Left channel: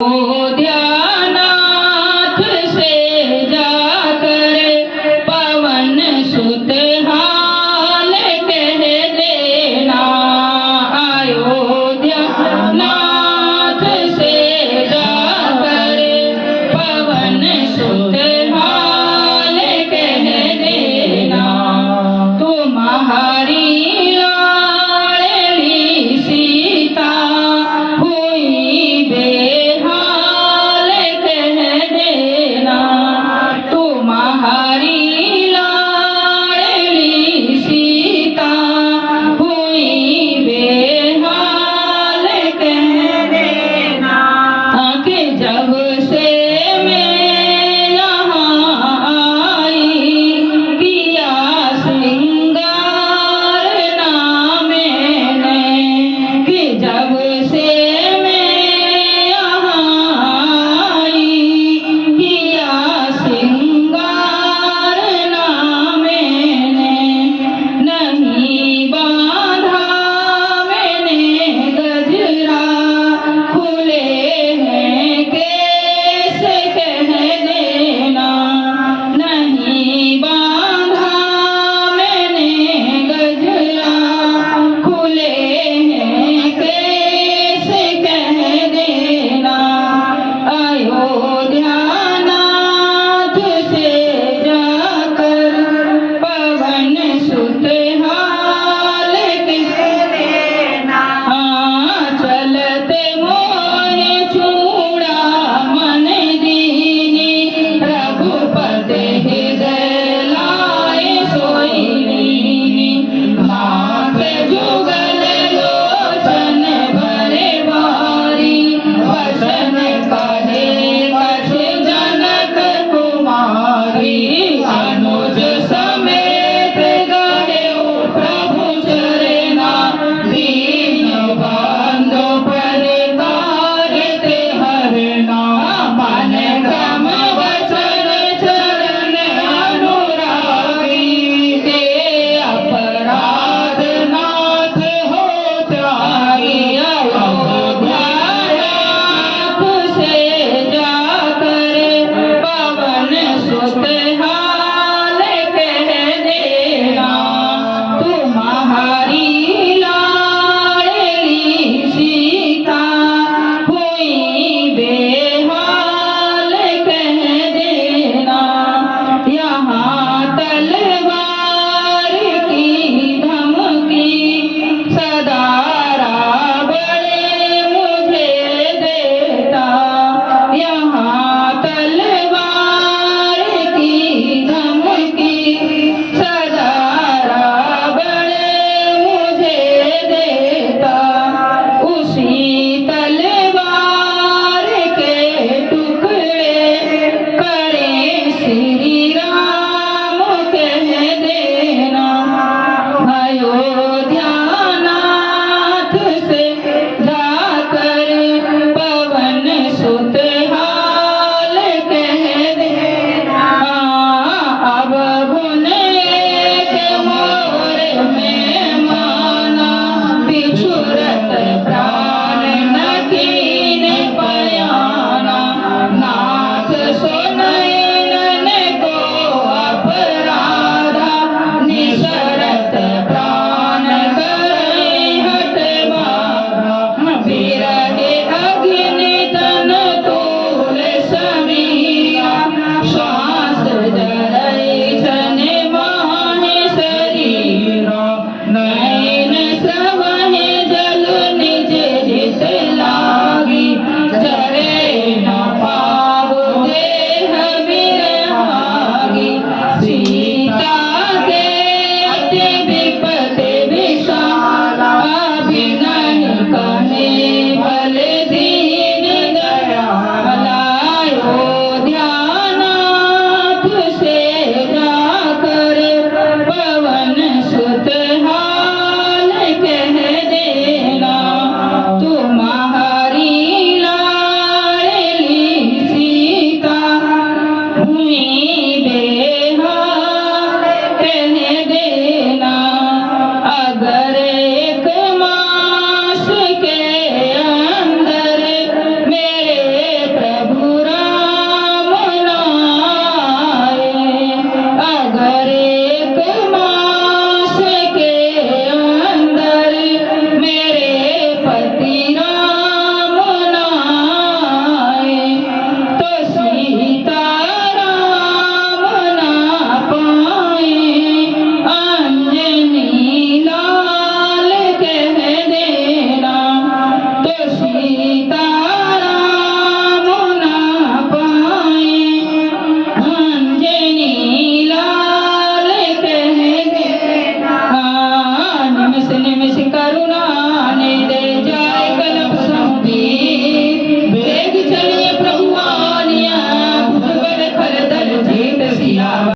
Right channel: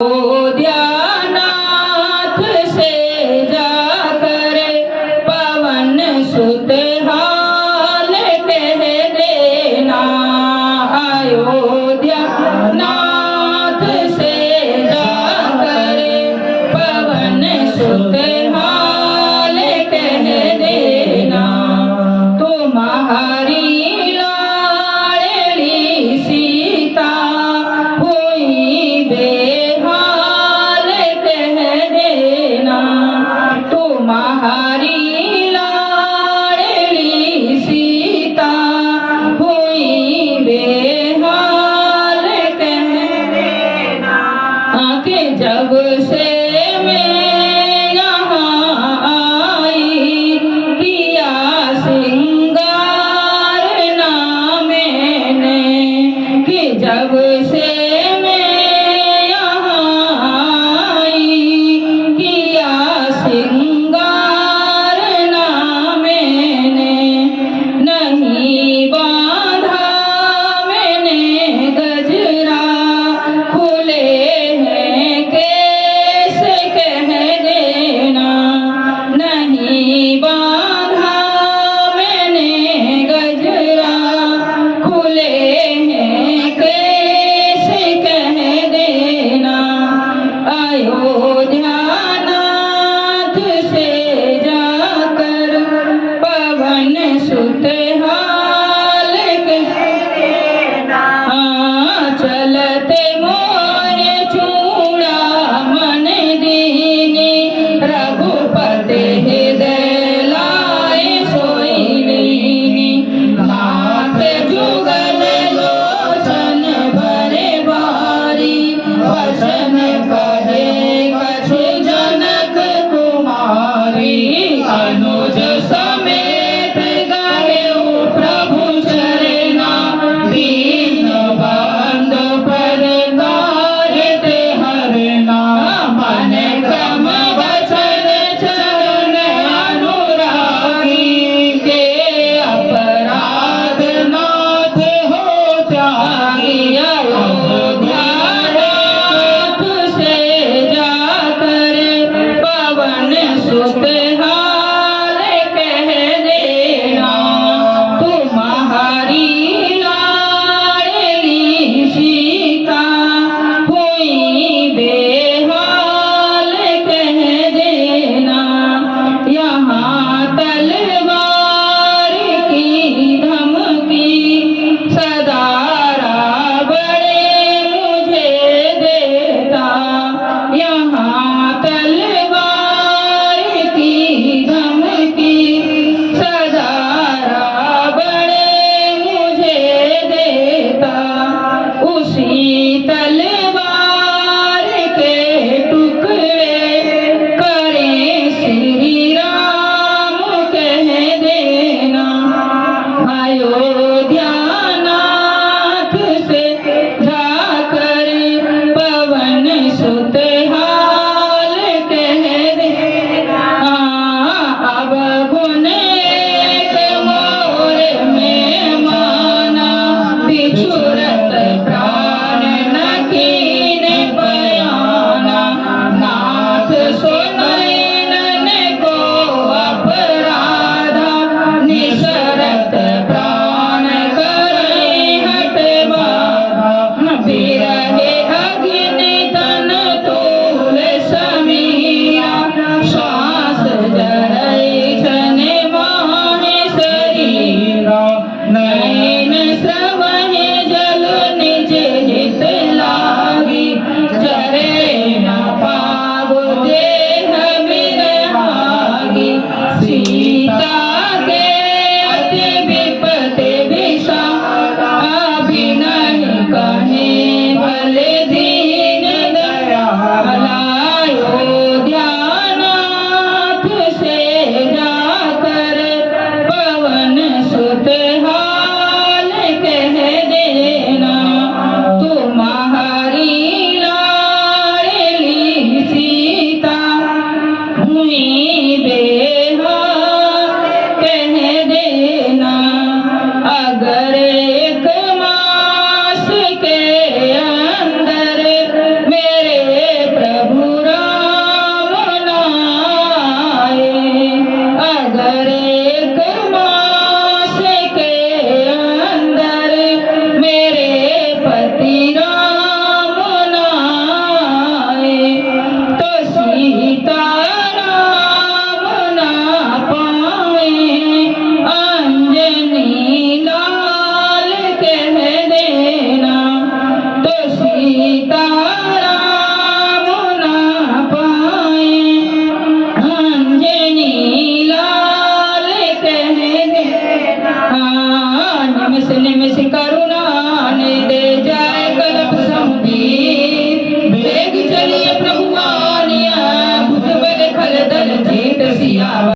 अयोध्यानाथ से जाकर पवन सुत हाल कह देना। अयोध्यानाथ से जाकर पवन सुत हाल कह देना। तुम्हारी लाडली सीता हुई बेहाल कह देना। तुम्हारी लाडली सीता हुई बेहाल कह देना। कि जब से मैं यहाँ आई किया सिंगार ना मैंने। कि जब से मैं यहाँ आई किया सिंगार ना मैंने। नहीं बांधा मैंने गजरा खुले हैं केस कह देना। नहीं बांधा मैंने गजरा खुले हैं केस कह देना। अयोध्यानाथ से जाकर पवन सुत हाल कह देना। चलते मोहे चूड़ामन दीनी रघुपति हृदय लाए सोइनी। माथे जुगल लोचन भरे बारी वचन का